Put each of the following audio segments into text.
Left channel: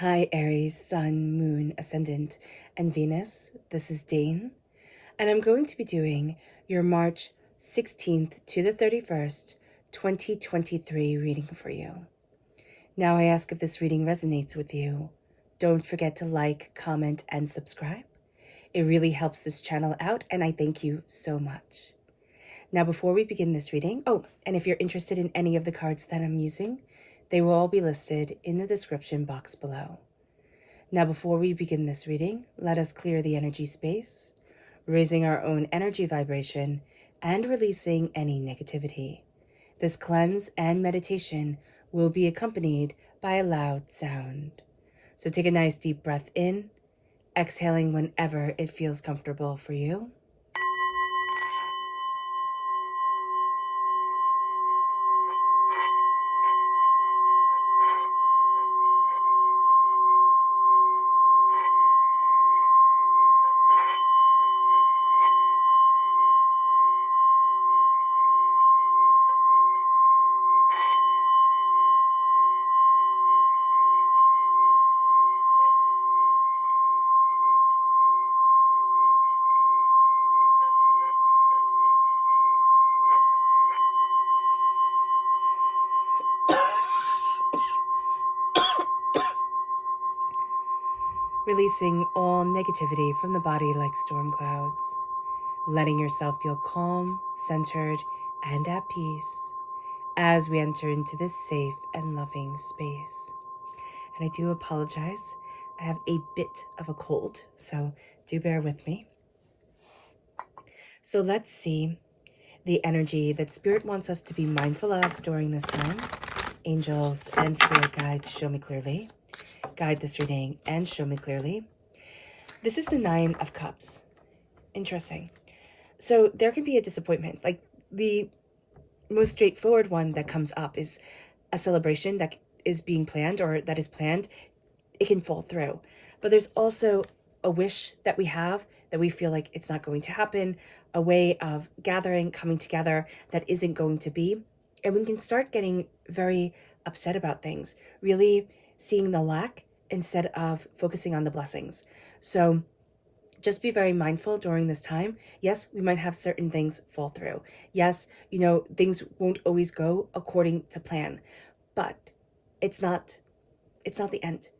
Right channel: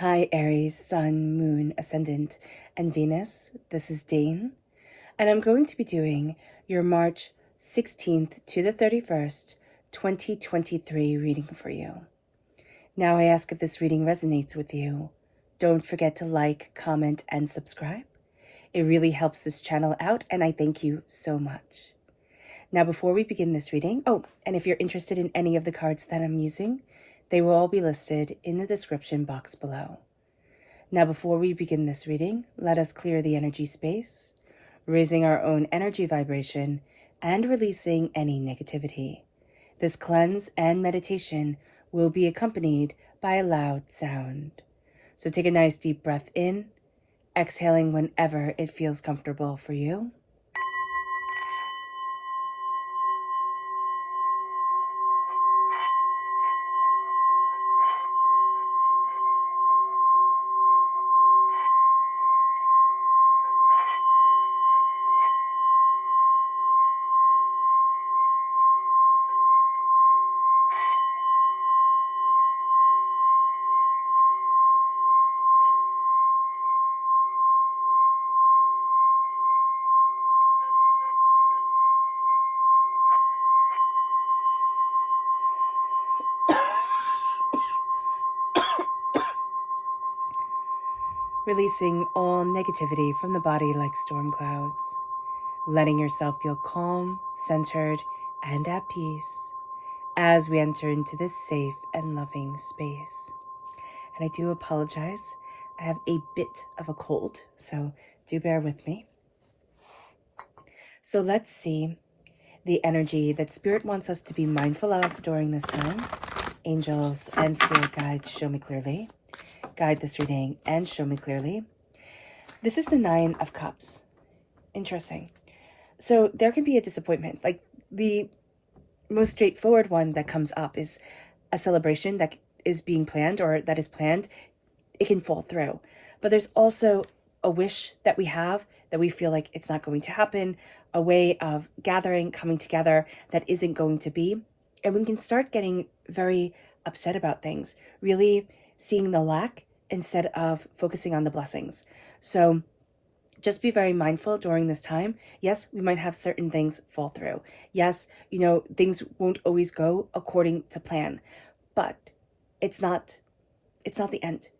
Hi Aries, Sun, Moon, Ascendant, and Venus. This is Dane, and I'm going to be doing your March 16th to the 31st, 2023 reading for you. Now I ask if this reading resonates with you. Don't forget to like, comment, and subscribe. It really helps this channel out, and I thank you so much. Now before we begin this reading, and if you're interested in any of the cards that I'm using, they will all be listed in the description box below. Now, before we begin this reading, let us clear the energy space, raising our own energy vibration and releasing any negativity. This cleanse and meditation will be accompanied by a loud sound. So take a nice deep breath in, exhaling whenever it feels comfortable for you. Releasing all negativity from the body like storm clouds, letting yourself feel calm, centered, and at peace as we enter into this safe and loving space. And I do apologize, I have a bit of a cold, so do bear with me. So let's see the energy that Spirit wants us to be mindful of during this time. Angels and Spirit guides, show me clearly. Guide this reading and show me clearly. This is the 9 of Cups. Interesting. So there can be a disappointment. Like the most straightforward one that comes up is a celebration that is being planned or that is planned. It can fall through. But there's also a wish that we have that we feel like it's not going to happen, a way of gathering, coming together that isn't going to be. And we can start getting very upset about things, really seeing the lack instead of focusing on the blessings. So just be very mindful during this time. Yes, we might have certain things fall through. Yes, things won't always go according to plan, but it's not the end.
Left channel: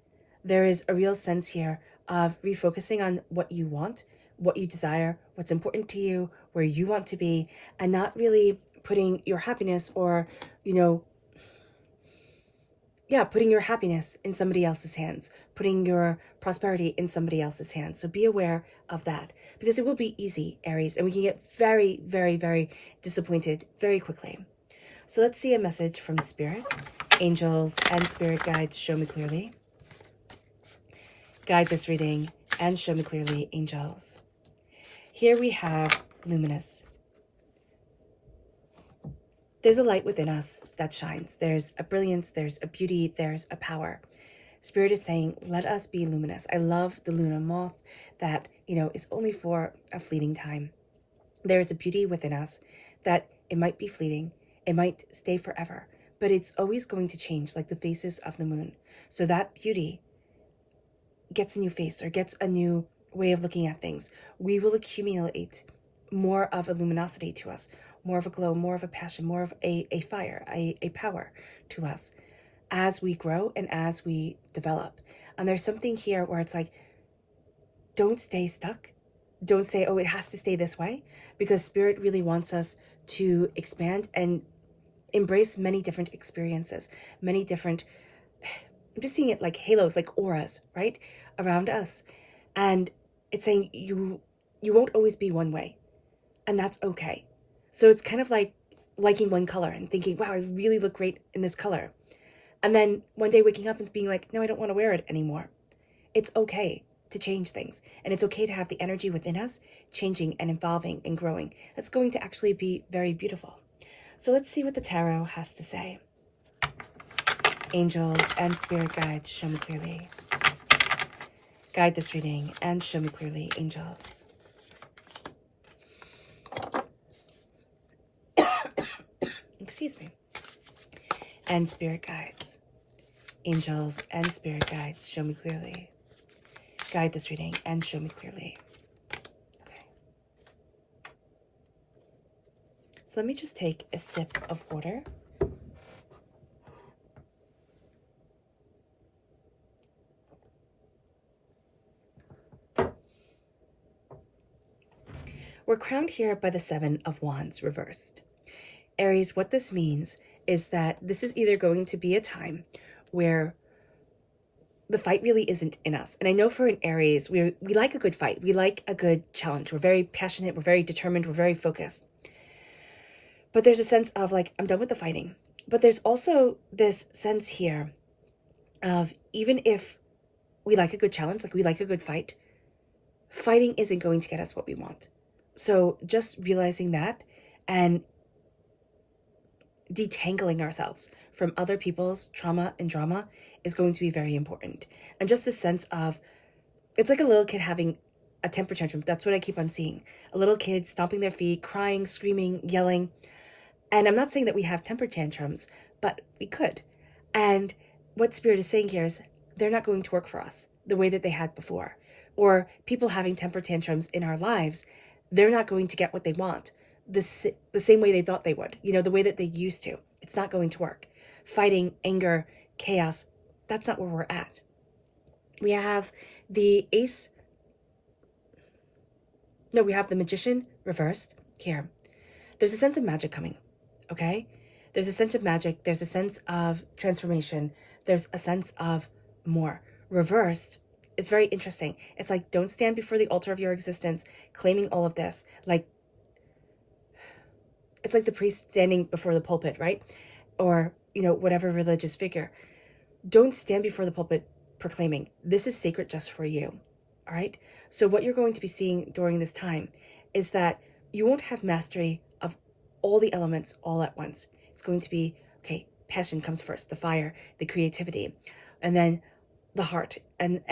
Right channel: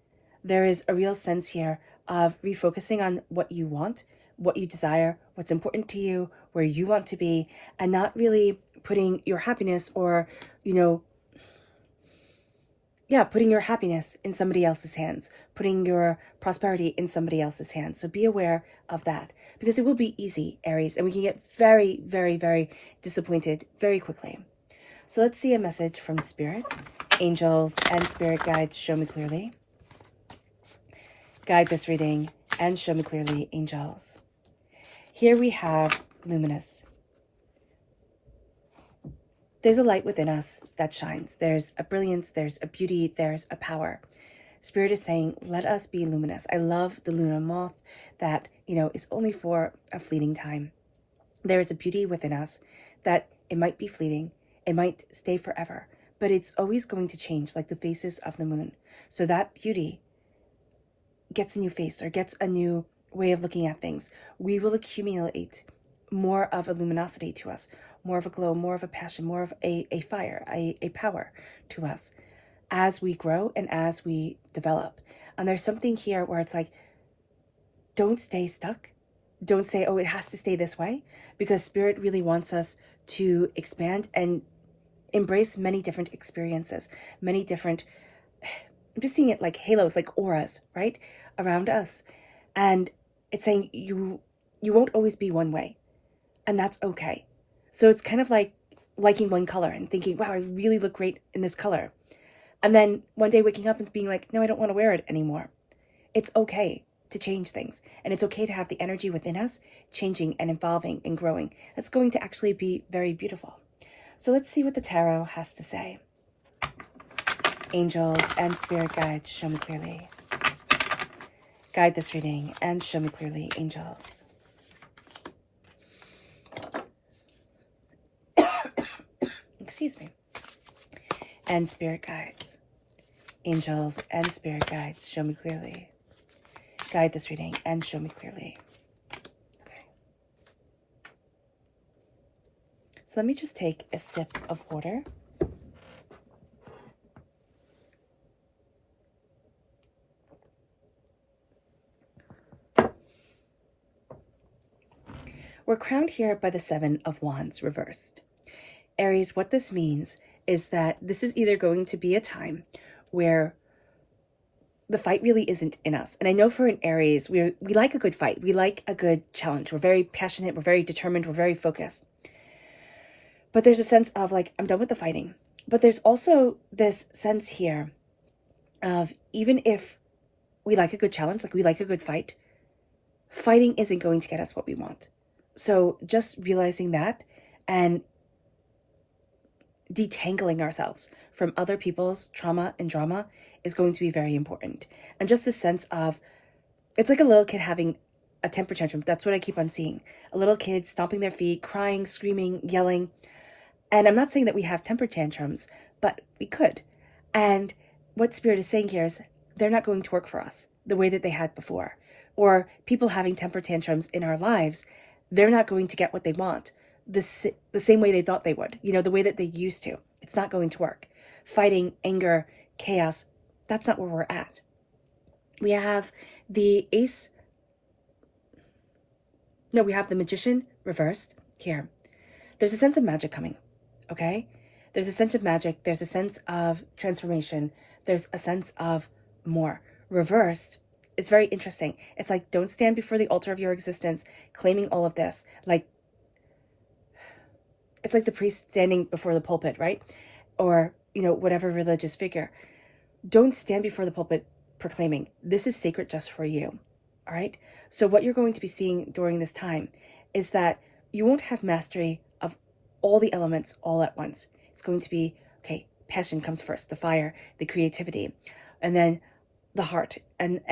There is a real sense here of refocusing on what you want, what you desire, what's important to you, where you want to be, and not really putting your happiness or, putting your happiness in somebody else's hands, putting your prosperity in somebody else's hands. So be aware of that, because it will be easy, Aries, and we can get very, very, very disappointed very quickly. So let's see a message from Spirit. Angels and Spirit guides, show me clearly. Guide this reading and show me clearly, angels. Here we have luminous. There's a light within us that shines. There's a brilliance, there's a beauty, there's a power. Spirit is saying, let us be luminous. I love the lunar moth that, is only for a fleeting time. There is a beauty within us that it might be fleeting, it might stay forever, but it's always going to change, like the phases of the moon. So that beauty gets a new face or gets a new way of looking at things. We will accumulate more of a luminosity to us, more of a glow, more of a passion, more of a fire, a power to us as we grow and as we develop. And there's something here where it's like, don't stay stuck. Don't say, it has to stay this way, because Spirit really wants us to expand and embrace many different experiences, many different, I'm just seeing it like halos, like auras, right, around us. And it's saying you won't always be one way, and that's okay. So it's kind of like liking one color and thinking, wow, I really look great in this color. And then one day waking up and being like, no, I don't want to wear it anymore. It's okay to change things. And it's okay to have the energy within us changing and evolving and growing. That's going to actually be very beautiful. So let's see what the tarot has to say. Angels and Spirit guides, show me clearly. Guide this reading and show me clearly, angels. Excuse me. And Spirit guides. Angels and spirit guides, show me clearly. Guide this reading and show me clearly. Okay. So let me just take a sip of water. We're crowned here by the Seven of Wands reversed. Aries, what this means is that this is either going to be a time where the fight really isn't in us. And I know for an Aries, we like a good fight. We like a good challenge. We're very passionate. We're very determined. We're very focused. But there's a sense of like, I'm done with the fighting. But there's also this sense here of even if we like a good challenge, like we like a good fight, fighting isn't going to get us what we want. So just realizing that and detangling ourselves from other people's trauma and drama is going to be very important. And just the sense of, it's like a little kid having a temper tantrum. That's what I keep on seeing. A little kid stomping their feet, crying, screaming, yelling. And I'm not saying that we have temper tantrums, but we could. And what Spirit is saying here is they're not going to work for us the way that they had before. Or people having temper tantrums in our lives, they're not going to get what they want the same way they thought they would, the way that they used to. It's not going to work. Fighting, anger, chaos, that's not where we're at. We have the we have the Magician reversed here. There's a sense of magic coming, okay? There's a sense of magic. There's a sense of transformation. There's a sense of more. Reversed, it's very interesting. It's like, don't stand before the altar of your existence claiming all of this. Like, it's like the priest standing before the pulpit, right? Or, whatever religious figure. Don't stand before the pulpit proclaiming, this is sacred just for you, all right? So what you're going to be seeing during this time is that you won't have mastery of all the elements all at once. It's going to be, okay, passion comes first, the fire, the creativity, and then the heart and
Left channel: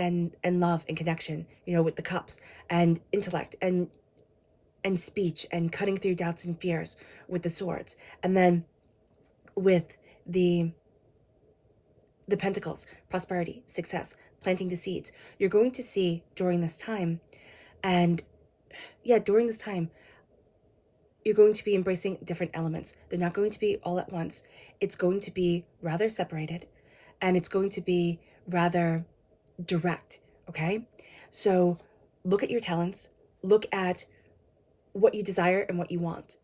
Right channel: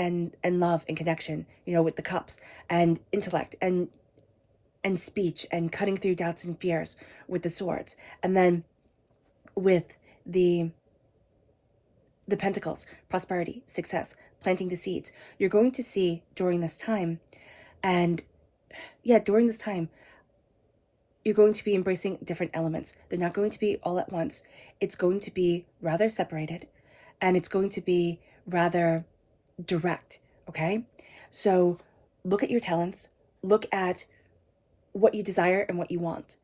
love and connection, with the cups, and intellect and speech, and cutting through doubts and fears with the swords. And then with the pentacles, prosperity, success, planting the seeds. You're going to see during this time, you're going to be embracing different elements. They're not going to be all at once. It's going to be rather separated, and it's going to be rather direct, okay? So look at your talents, look at what you desire and what you want.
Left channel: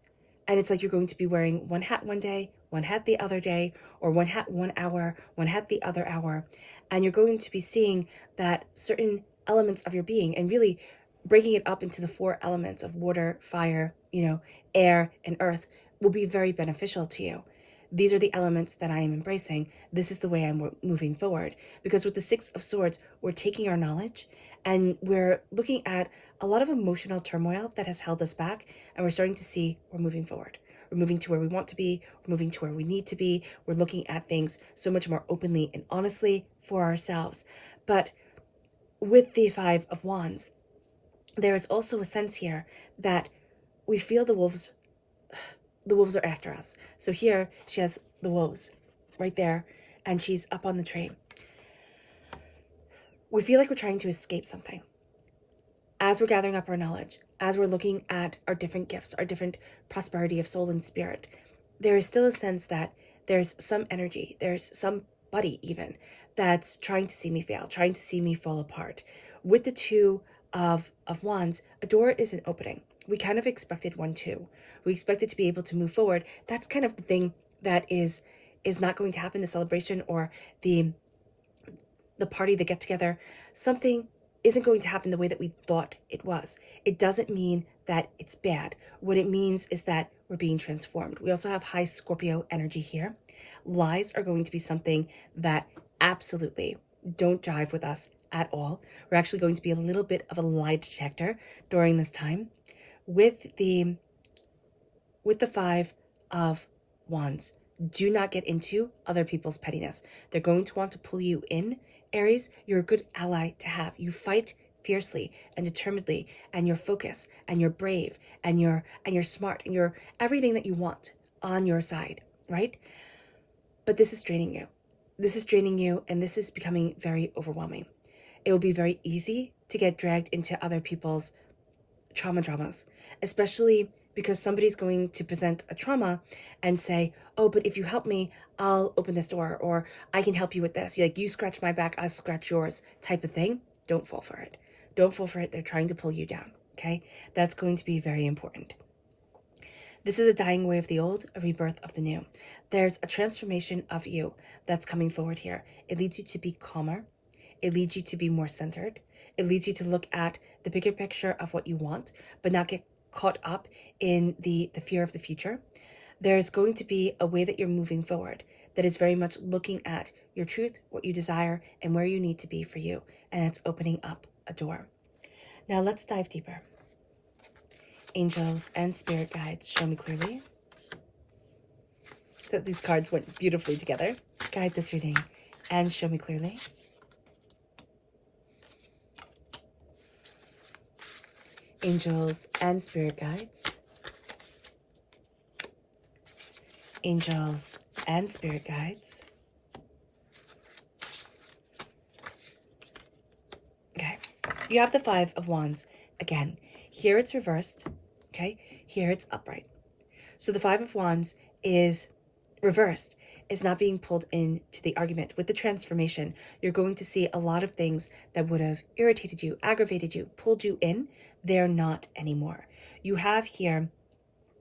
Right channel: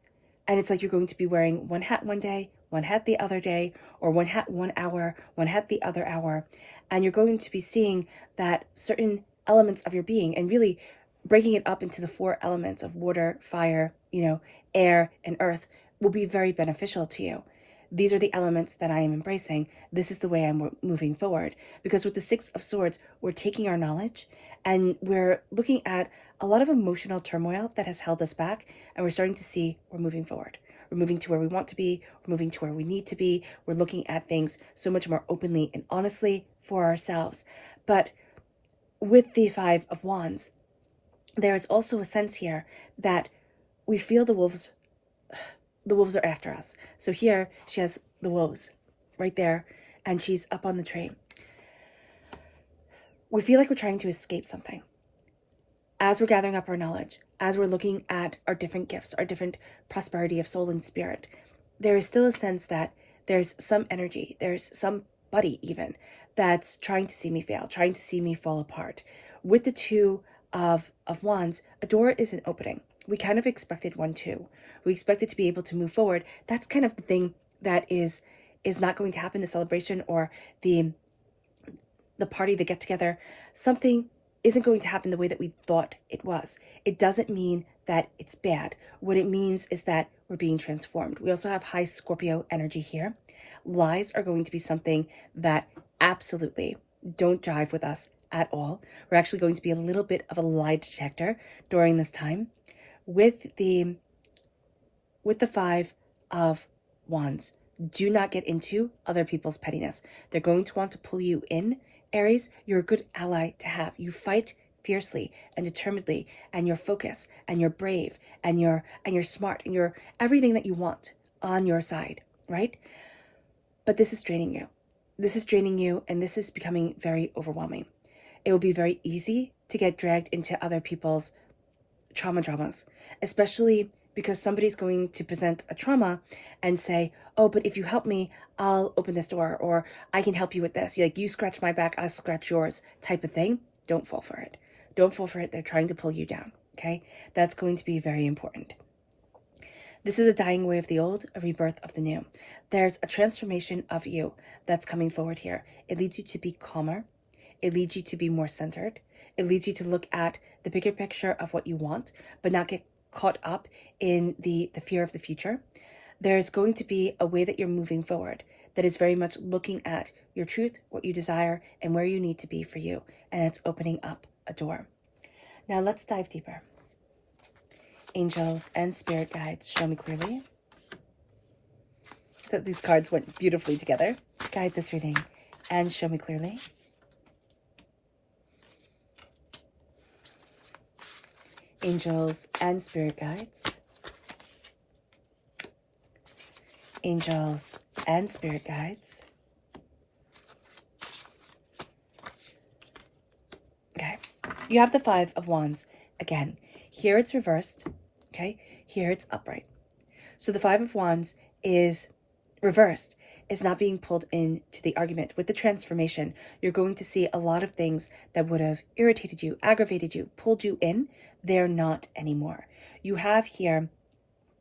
And it's like you're going to be wearing one hat one day, one hat the other day, or one hat 1 hour, one hat the other hour. And you're going to be seeing that certain elements of your being and really breaking it up into the 4 elements of water, fire, air, and earth will be very beneficial to you. These are the elements that I am embracing. This is the way I'm moving forward. Because with the 6 of Swords, we're taking our knowledge and we're looking at a lot of emotional turmoil that has held us back, and we're starting to see we're moving forward. We're moving to where we want to be. We're moving to where we need to be. We're looking at things so much more openly and honestly for ourselves. But with the 5 of Wands, there is also a sense here that we feel the wolves are after us. So here she has the wolves right there, and she's up on the tree. We feel like we're trying to escape something. As we're gathering up our knowledge, as we're looking at our different gifts, our different prosperity of soul and spirit, there is still a sense that there's some energy, there's somebody even that's trying to see me fail, trying to see me fall apart. With the 2 of Wands, a door isn't opening. We kind of expected one too. We expected to be able to move forward. That's kind of the thing that is not going to happen, the celebration or the party, the get together. Something isn't going to happen the way that we thought it was. It doesn't mean that it's bad. What it means is that we're being transformed. We also have high Scorpio energy here. Lies are going to be something that absolutely don't jive with us at all. We're actually going to be a little bit of a lie detector during this time. With the 5 of Wands, do not get into other people's pettiness. They're going to want to pull you in. Aries, you're a good ally to have. You fight fiercely and determinedly, and you're focused, and you're brave, and you're smart, and you're everything that you want on your side, right? But this is draining you. this is draining you, and this is becoming very overwhelming. It will be very easy to get dragged into other people's dramas, especially because somebody's going to present a trauma and say, oh, but if you help me, I'll open this door, or I can help you with this. You scratch my back, I'll scratch yours type of thing. Don't fall for it. Don't fall for it. They're trying to pull you down, okay? That's going to be very important. This is a dying away of the old, a rebirth of the new. There's a transformation of you that's coming forward here. It leads you to be calmer. It leads you to be more centered. It leads you to look at the bigger picture of what you want, but not get caught up in the fear of the future. There's going to be a way that you're moving forward that is very much looking at your truth, what you desire, and where you need to be for you. And it's opening up a door. Now let's dive deeper. Angels and spirit guides, show me clearly. So these cards went beautifully together. Guide this reading and show me clearly. Angels and spirit guides. Angels and spirit guides. Okay, you have the Five of Wands again. Here it's reversed, okay? Here it's upright. So the Five of Wands is reversed. It's not being pulled into the argument. With the transformation, you're going to see a lot of things that would have irritated you, aggravated you, pulled you in. They're not anymore. You have here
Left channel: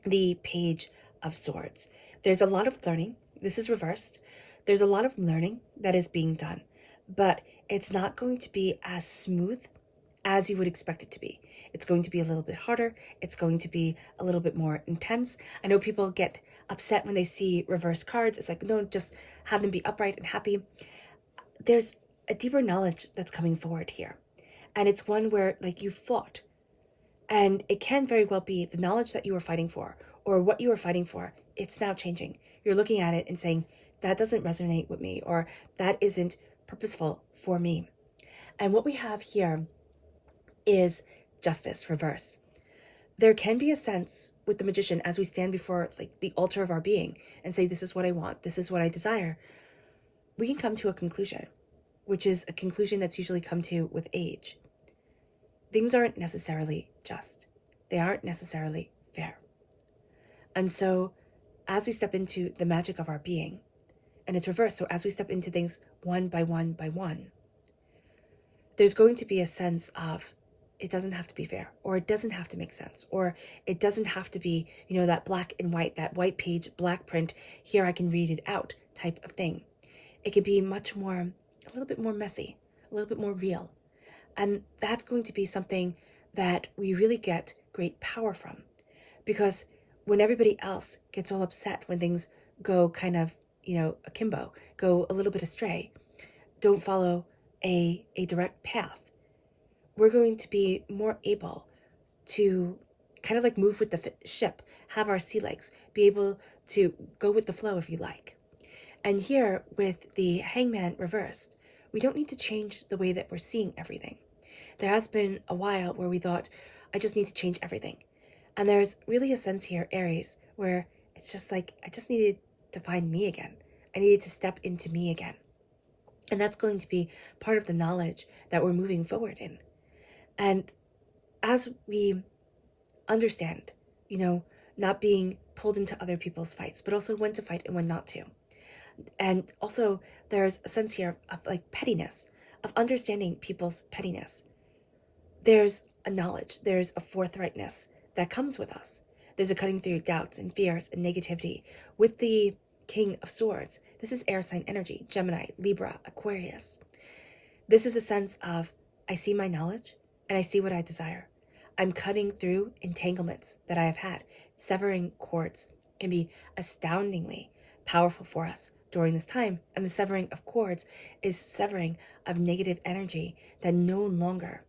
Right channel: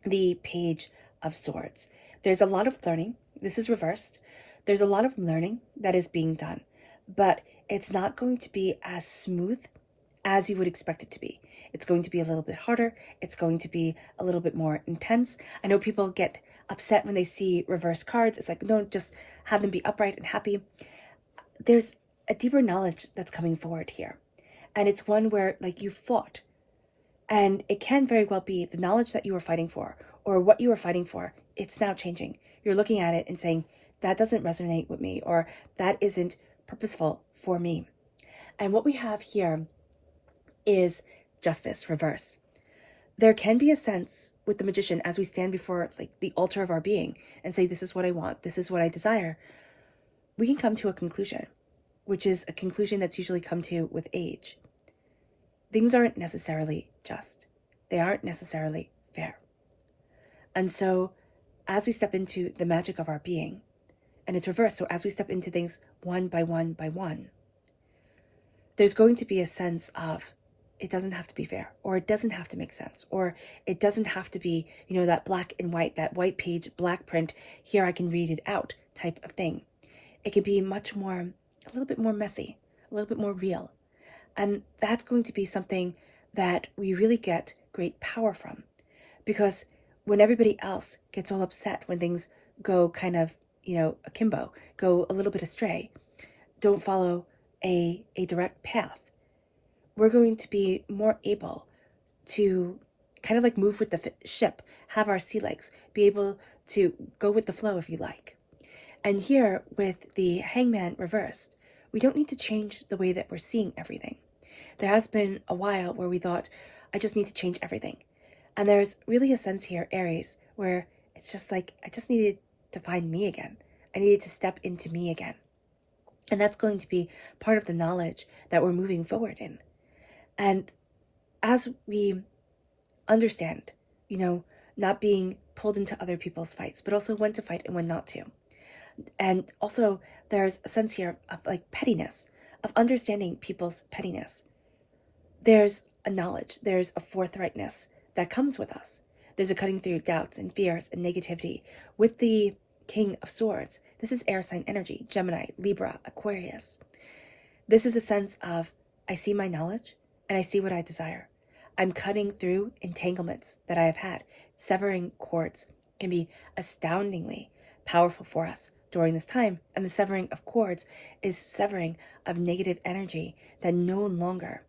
the Page of Swords. There's a lot of learning. This is reversed. There's a lot of learning that is being done, but it's not going to be as smooth as you would expect it to be. It's going to be a little bit harder. It's going to be a little bit more intense. I know people get upset when they see reverse cards. It's like, no, just have them be upright and happy. There's a deeper knowledge that's coming forward here. And it's one where, like, you fought. And it can very well be the knowledge that you were fighting for, or what you were fighting for, it's now changing. You're looking at it and saying, that doesn't resonate with me, or that isn't purposeful for me. And what we have here is justice, reverse. There can be a sense with the magician as we stand before, like, the altar of our being and say, this is what I want, this is what I desire. We can come to a conclusion, which is a conclusion that's usually come to with age. Things aren't necessarily just. They aren't necessarily fair. And so as we step into the magic of our being, and it's reversed, so as we step into things one by one by one, there's going to be a sense of, it doesn't have to be fair, or it doesn't have to make sense, or it doesn't have to be, that black and white, that white page, black print, here I can read it out type of thing. It could be much more, a little bit more messy, a little bit more real. And that's going to be something that we really get great power from. Because when everybody else gets all upset when things go kind of, akimbo, go a little bit astray, don't follow a direct path, we're going to be more able to kind of like move with the ship, have our sea legs, be able to go with the flow if you like. And here with the Hangman reversed, we don't need to change the way that we're seeing everything. There has been a while where we thought, I just need to change everything. And there's really a sense here, Aries, where it's just like, I just needed to find me again. I needed to step into me again. And that's going to be part of the knowledge that we're moving forward in. And as we understand, not being pulled into other people's fights, but also when to fight and when not to. And also there's a sense here of like pettiness, of understanding people's pettiness. There's a knowledge, there's a forthrightness that comes with us. There's a cutting through doubts and fears and negativity. With the King of Swords, this is air sign energy, Gemini, Libra, Aquarius. This is a sense of, I see my knowledge and I see what I desire. I'm cutting through entanglements that I have had. Severing cords can be astoundingly powerful for us during this time. And the severing of cords is severing of negative energy that no longer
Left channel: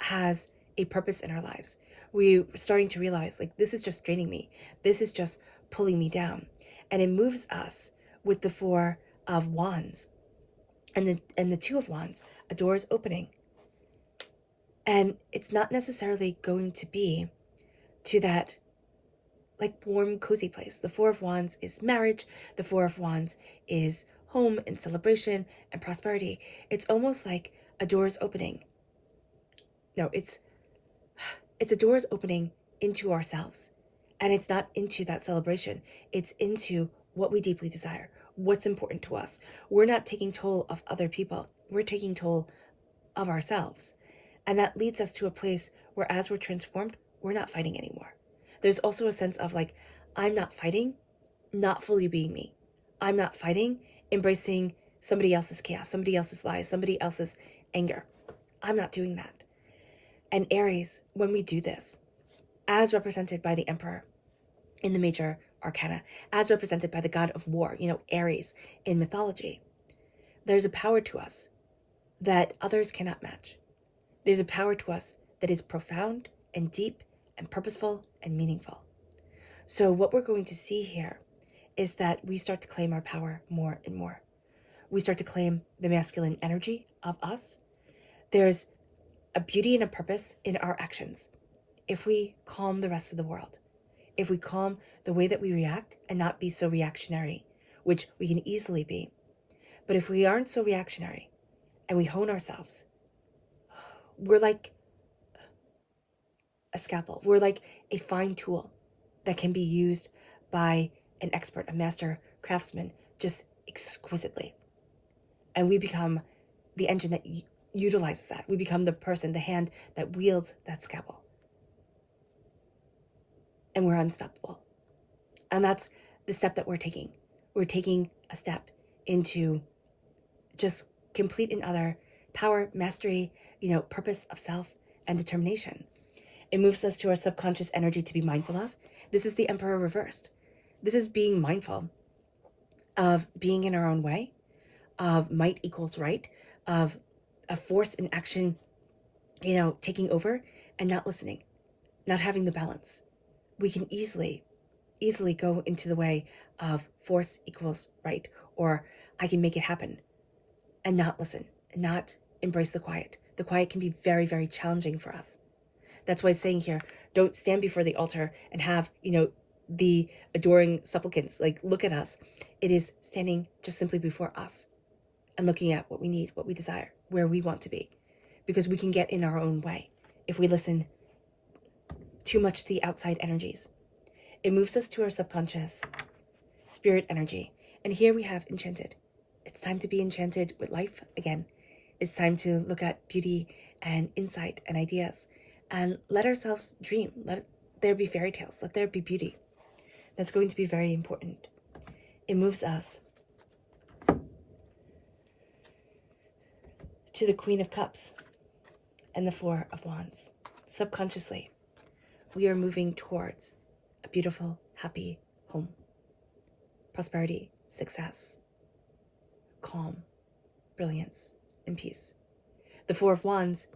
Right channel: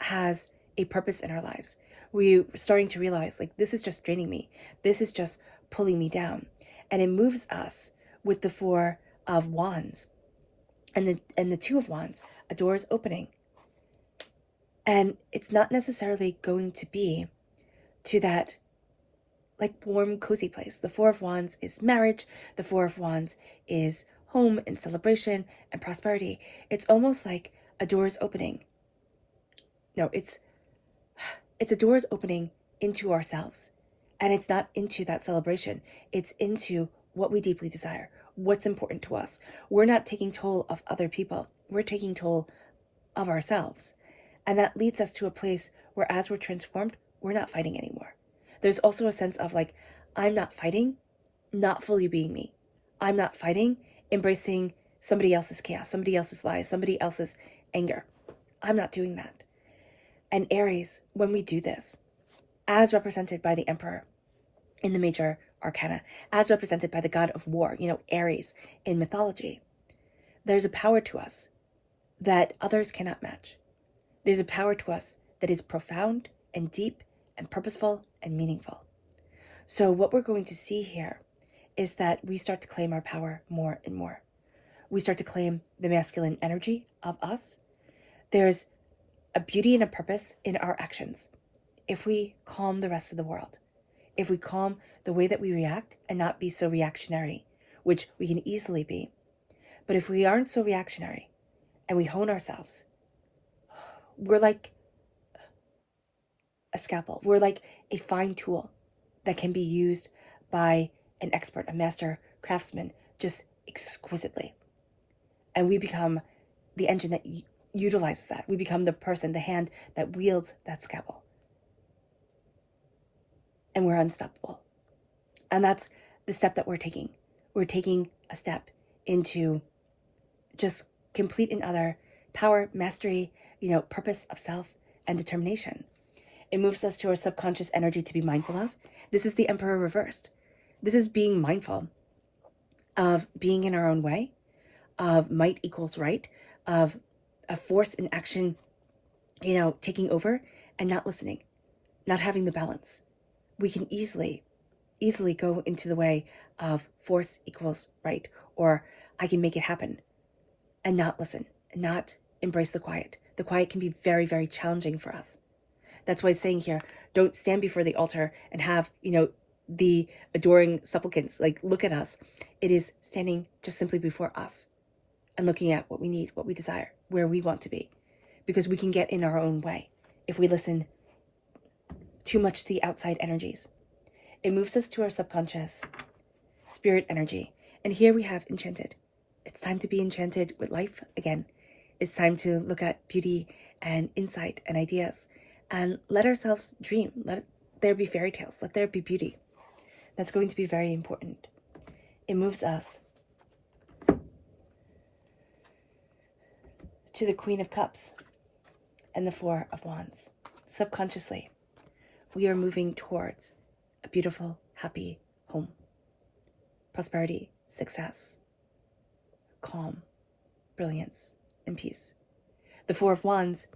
has a purpose in our lives. We're starting to realize, like, this is just draining me. This is just pulling me down. And it moves us with the Four of Wands and the Two of Wands. A door is opening. And it's not necessarily going to be to that like warm, cozy place. The Four of Wands is marriage. The Four of Wands is home and celebration and prosperity. It's almost like a door is opening. No, it's a door is opening into ourselves. And it's not into that celebration. It's into what we deeply desire, what's important to us. We're not taking toll of other people. We're taking toll of ourselves. And that leads us to a place where as we're transformed, we're not fighting anymore. There's also a sense of like, I'm not fighting, not fully being me. I'm not fighting, embracing somebody else's chaos, somebody else's lies, somebody else's anger. I'm not doing that. And Aries, when we do this, as represented by the Emperor in the major arcana, as represented by the god of war, Aries in mythology, there's a power to us that others cannot match. There's a power to us that is profound and deep and purposeful and meaningful. So what we're going to see here is that we start to claim our power more and more. We start to claim the masculine energy of us. There's a beauty and a purpose in our actions. If we calm the rest of the world, if we calm the way that we react and not be so reactionary, which we can easily be, but if we aren't so reactionary and we hone ourselves, we're like a scalpel. We're like a fine tool that can be used by an expert, a master craftsman, just exquisitely. And we become the engine that utilizes that. We become the person, the hand that wields that scalpel. And we're unstoppable. And that's the step that we're taking. We're taking a step into just complete and utter power, mastery, purpose of self and determination. It moves us to our subconscious energy to be mindful of. This is the Emperor reversed. This is being mindful of being in our own way, of might equals right, of a force in action, taking over and not listening, not having the balance. We can easily go into the way of force equals right, or I can make it happen, and not listen, and not embrace the quiet. The quiet can be very, very challenging for us. That's why it's saying here, don't stand before the altar and have, the adoring supplicants, like, look at us. It is standing just simply before us and looking at what we need, what we desire, where we want to be. Because we can get in our own way if we listen too much to the outside energies. It moves us to our subconscious spirit energy. And here we have enchanted. It's time to be enchanted with life again. It's time to look at beauty and insight and ideas and let ourselves dream. Let there be fairy tales. Let there be beauty. That's going to be very important. It moves us to the Queen of Cups and the Four of Wands. Subconsciously, we are moving towards a beautiful, happy home. Prosperity, success, calm, brilliance, and peace. The Four of Wands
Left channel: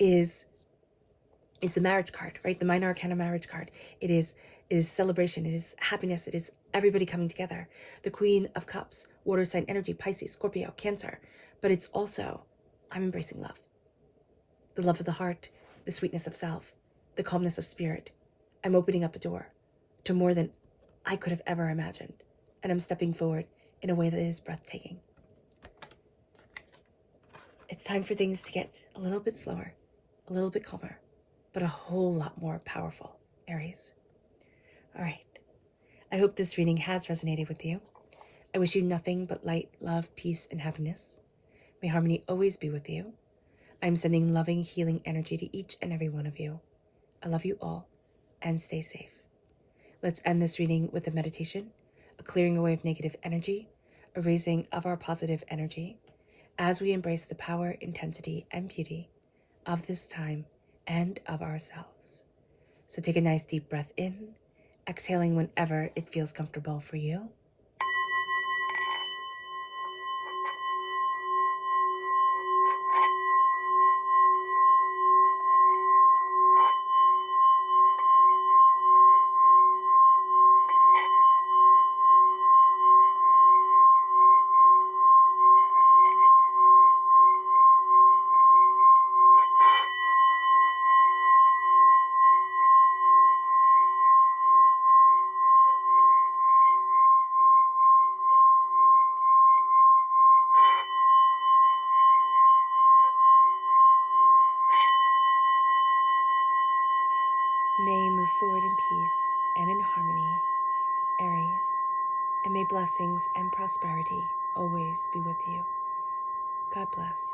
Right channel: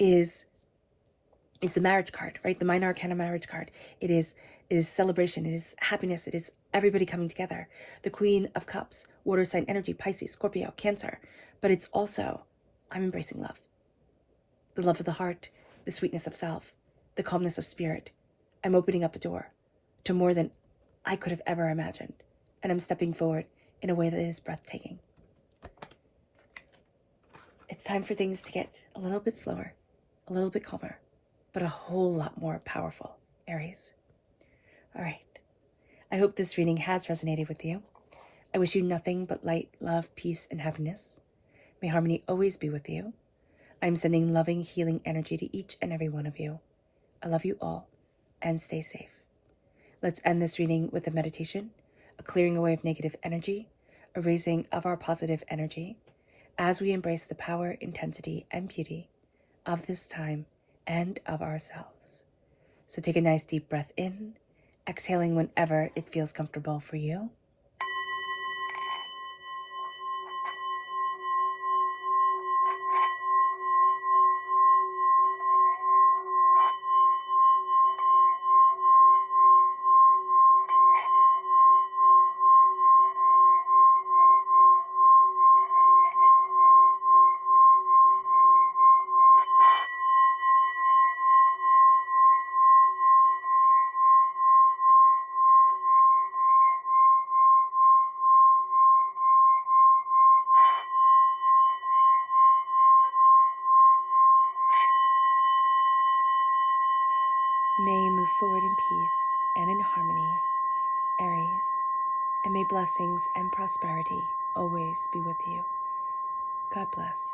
is the marriage card, right? The minor arcana marriage card. It is celebration. It is happiness. It is everybody coming together. The Queen of Cups, water sign energy, Pisces, Scorpio, Cancer. But it's also, I'm embracing love. The love of the heart, the sweetness of self, the calmness of spirit. I'm opening up a door to more than I could have ever imagined. And I'm stepping forward in a way that is breathtaking. It's time for things to get a little bit slower, a little bit calmer, but a whole lot more powerful, Aries. All right. I hope this reading has resonated with you. I wish you nothing but light, love, peace, and happiness. May harmony always be with you. I'm sending loving, healing energy to each and every one of you. I love you all, and stay safe. Let's end this reading with a meditation, a clearing away of negative energy, a raising of our positive energy, as we embrace the power, intensity, and beauty of this time and of ourselves. So take a nice deep breath in, exhaling whenever it feels comfortable for you. May you move forward in peace and in harmony, Aries, and may blessings and prosperity always be with you. God bless.